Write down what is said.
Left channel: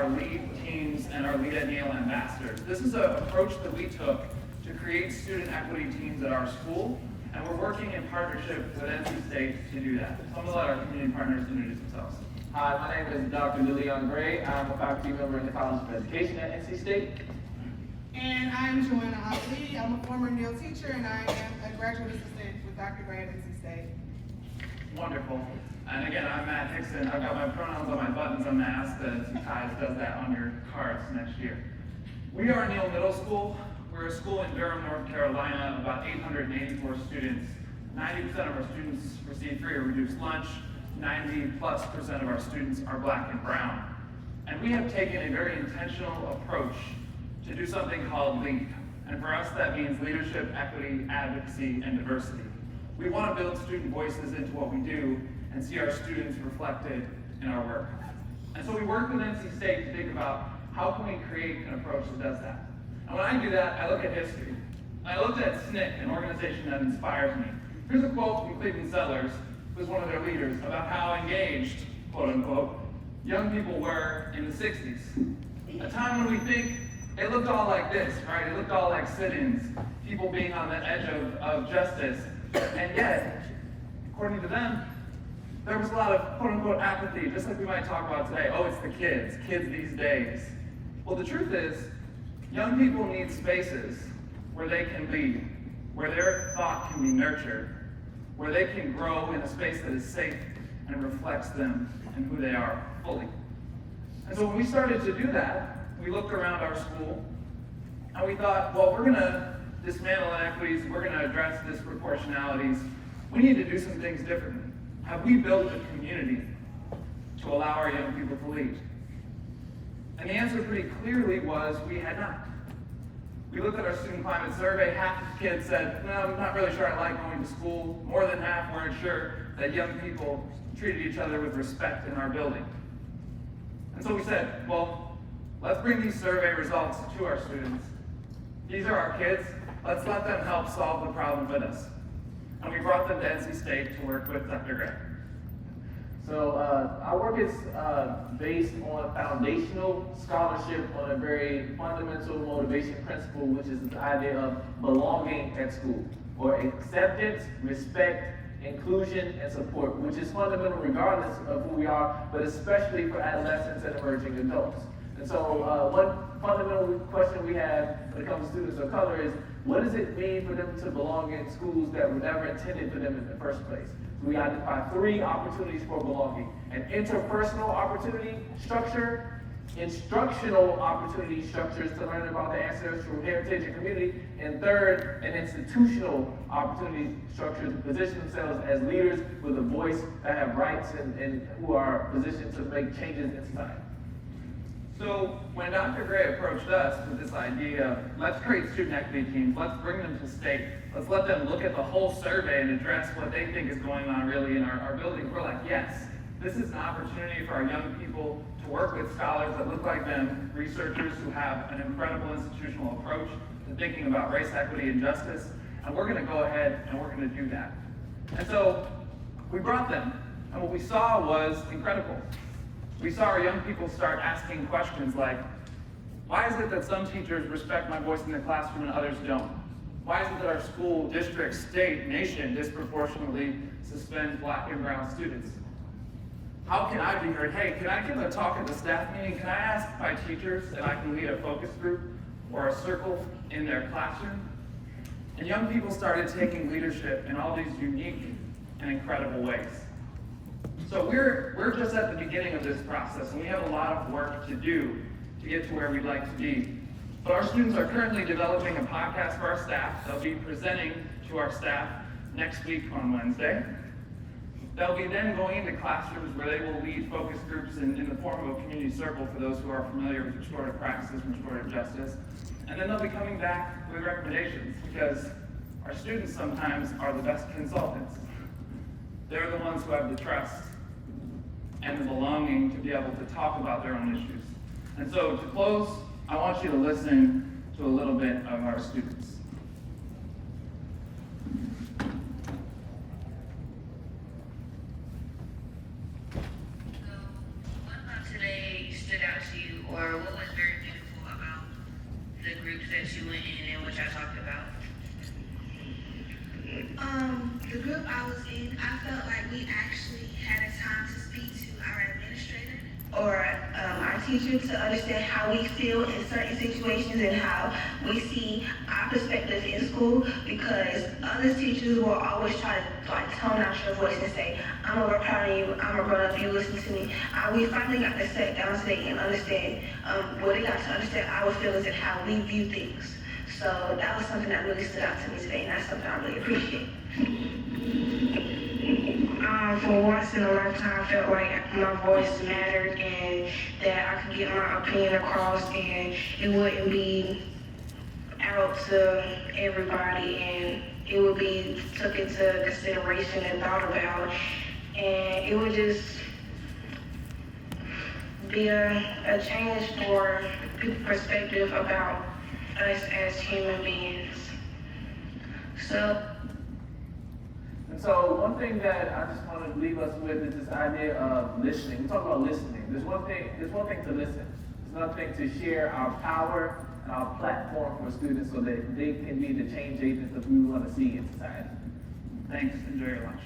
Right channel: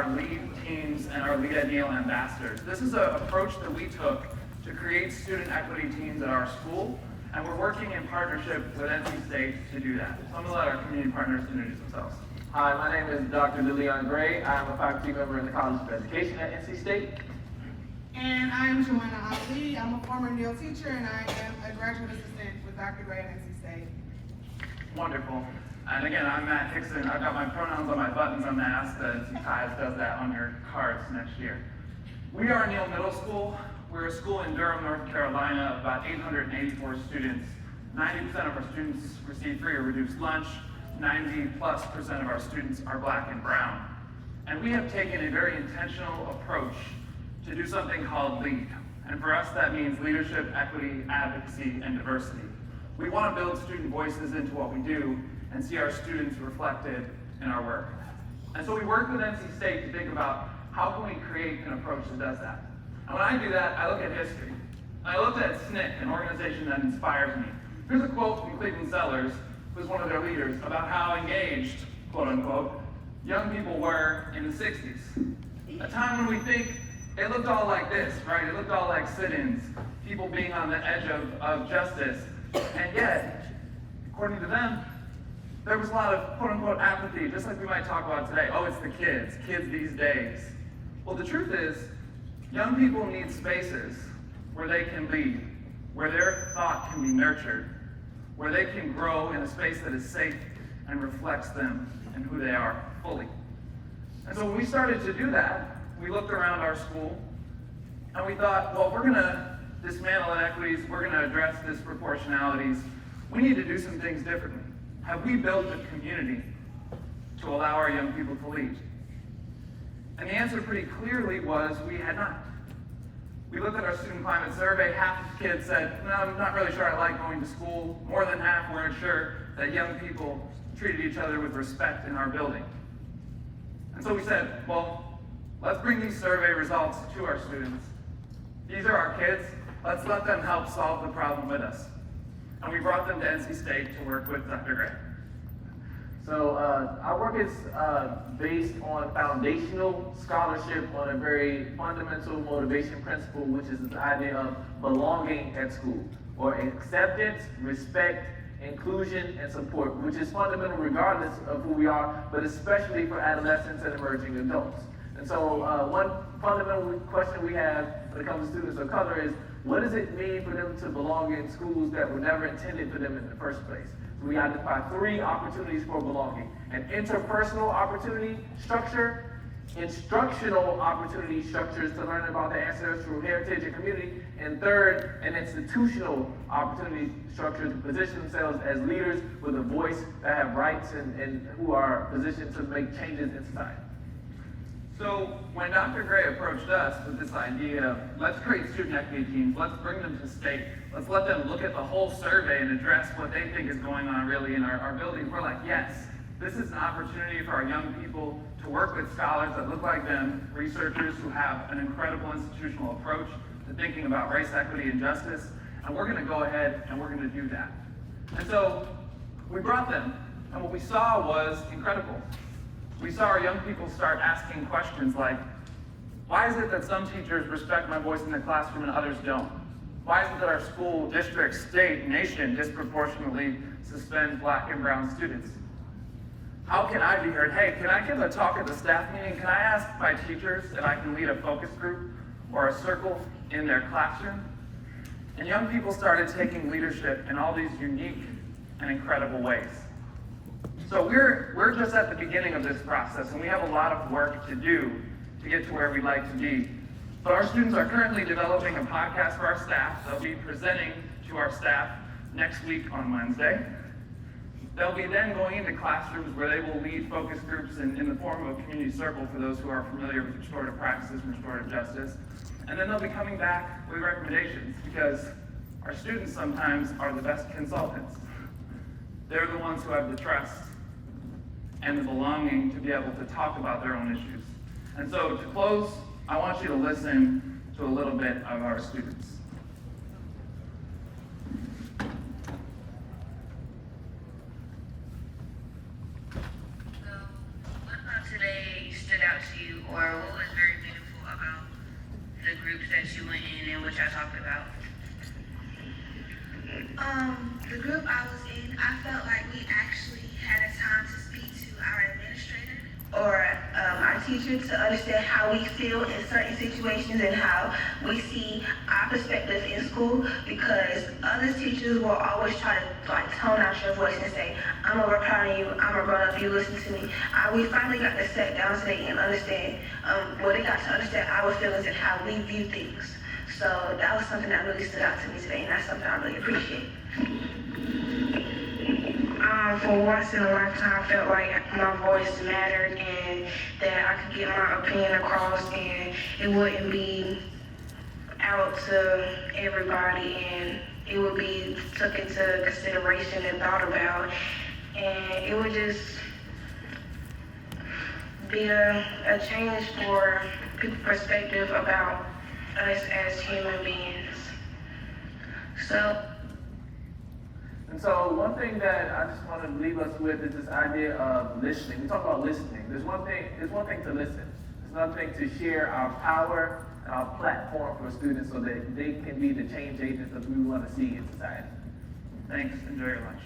our lead teams and our Lead at Yale ambassadors. This is an approach that we took to create student equity teams at our school, and we're working in partnership with NC State to do that. Some of our community partners introduce themselves. Hi, my name is Dr. Lillian Gray. I am a faculty member in the College of Education at NC State. And I'm Joanna Ali. I'm a former Neil teacher, and I am a graduate assistant with Dr. Gray at NC State. Wonderful. And again, I'm Matt Hickson. I've got my pronouns on my buttons. I'm going to ask that Ties does that on your cards next year. We are Neil Middle School. We're a school in Durham, North Carolina, of about 884 students. 90% of our students receive free or reduced lunch. 90+% of our students are Black and brown. And we have taken a very intentional approach to do something called LEAD. And for us, that means leadership, equity, advocacy, and diversity. We want to build student voices into what we do and see our students reflected in our work. And so we worked with NC State to think about how can we create an approach that does that. And when I do that, I look at history. I looked at SNCC, an organization that inspires me. Here's a quote from Cleveland Sellers, who's one of their leaders, about how engaged, quote unquote, young people were in the 60s. A time when we think it looked all like this, right? It looked all like sit-ins, people being on the edge of justice. And yet, according to them, there was a lot of quote unquote apathy, just like we might talk about today. Oh, it's the kids these days. Well, the truth is, young people need spaces where they can lead, where their thought can be nurtured, where they can grow in a space that is safe and reflects them and who they are fully. And so when we started to do that, we looked around our school and we thought, well, we're gonna dismantle inequities, we're gonna address disproportionalities, we need to do some things differently. Have we built a community to allow our young people to lead? And the answer pretty clearly was we had not. We looked at our student climate survey, half of the kids said, no, I'm not really sure I like going to school. More than half weren't sure that young people treated each other with respect in our building. And so we said, well, let's bring these survey results to our students. These are our kids. Let's let them help solve the problem with us. And we brought them to NC State to work with Dr. Gray. So our work is based on foundational scholarship on a very fundamental motivation principle, which is the idea of belonging at school, or acceptance, respect, inclusion, and support, which is fundamental regardless of who we are, but especially for adolescents and emerging adults. And so one fundamental question we have when it comes to students of color is, what does it mean for them to belong in schools that were never intended for them in the first place? So we identify 3 opportunities for belonging: an interpersonal opportunity structure, instructional opportunity structures to learn about the ancestral heritage and community, and third, an institutional opportunity structure to position themselves as leaders with a voice that have rights and who are positioned to make changes in society. So when Dr. Gray approached us with this idea of, let's create student equity teams, let's bring them to state, let's let them look at the whole survey and address what they think is going on really in our building, we're like, yes, this is an opportunity for our young people to work with scholars that look like them, researchers who have an incredible institutional approach to thinking about race, equity, and justice, and we're gonna go ahead and we're gonna do that. And so we brought them, and what we saw was incredible. We saw our young people start asking questions like, why is it that some teachers respect my voice in the classroom and others don't? Why is it that our school, district, state, nation disproportionately suspend Black and brown students? How can I be heard? Hey, can I give a talk at the staff meeting? Can I ask my teachers if I can lead a focus group or a circle in their classroom? And young people started taking leadership in all these unique and incredible ways. So we're just at the beginning of this process, and we have a lot of work to do to get to where we'd like to be. But our students are currently developing a podcast for our staff. They'll be presenting to our staff next week on Wednesday. They'll be then going into classrooms where they will lead focus groups in the form of a community circle for those who are familiar with restorative practices and restorative justice. And then they'll be coming back with recommendations, because our students sometimes are the best consultants. They're the ones who have the trust and the belonging to be able to talk about their own issues. And so to close, I want you to listen to a little bit of our students. So what about today stood out to you, or what was very meaningful about the groups that you went in and what y'all talked about? The group I was in, I felt like we actually had a time to speak to our administrator or our teacher to understand how we feel in certain situations and how we see our perspective in school, because other teachers will always try to like tone out your voice and say, I'm over proud of you, I'm a grown up, you listen to me. We finally got to sit down today and understand, they got to understand our feelings and how we view things. So that was something that really stood out to me today, and that's something I really appreciate. For once in a lifetime, I felt like my voice mattered and that I could get my opinion across and it wouldn't be out to everybody and it would be took into consideration and thought about, and it would just be a change for people's perspective about us as human beings. And so one thing that I just want to leave us with is this idea of listening. We talk about listening. There's one thing to listen. There's another thing to share our power and our platform for students so that they can be the change agents that we want to see in society. Thanks, enjoy your lunch.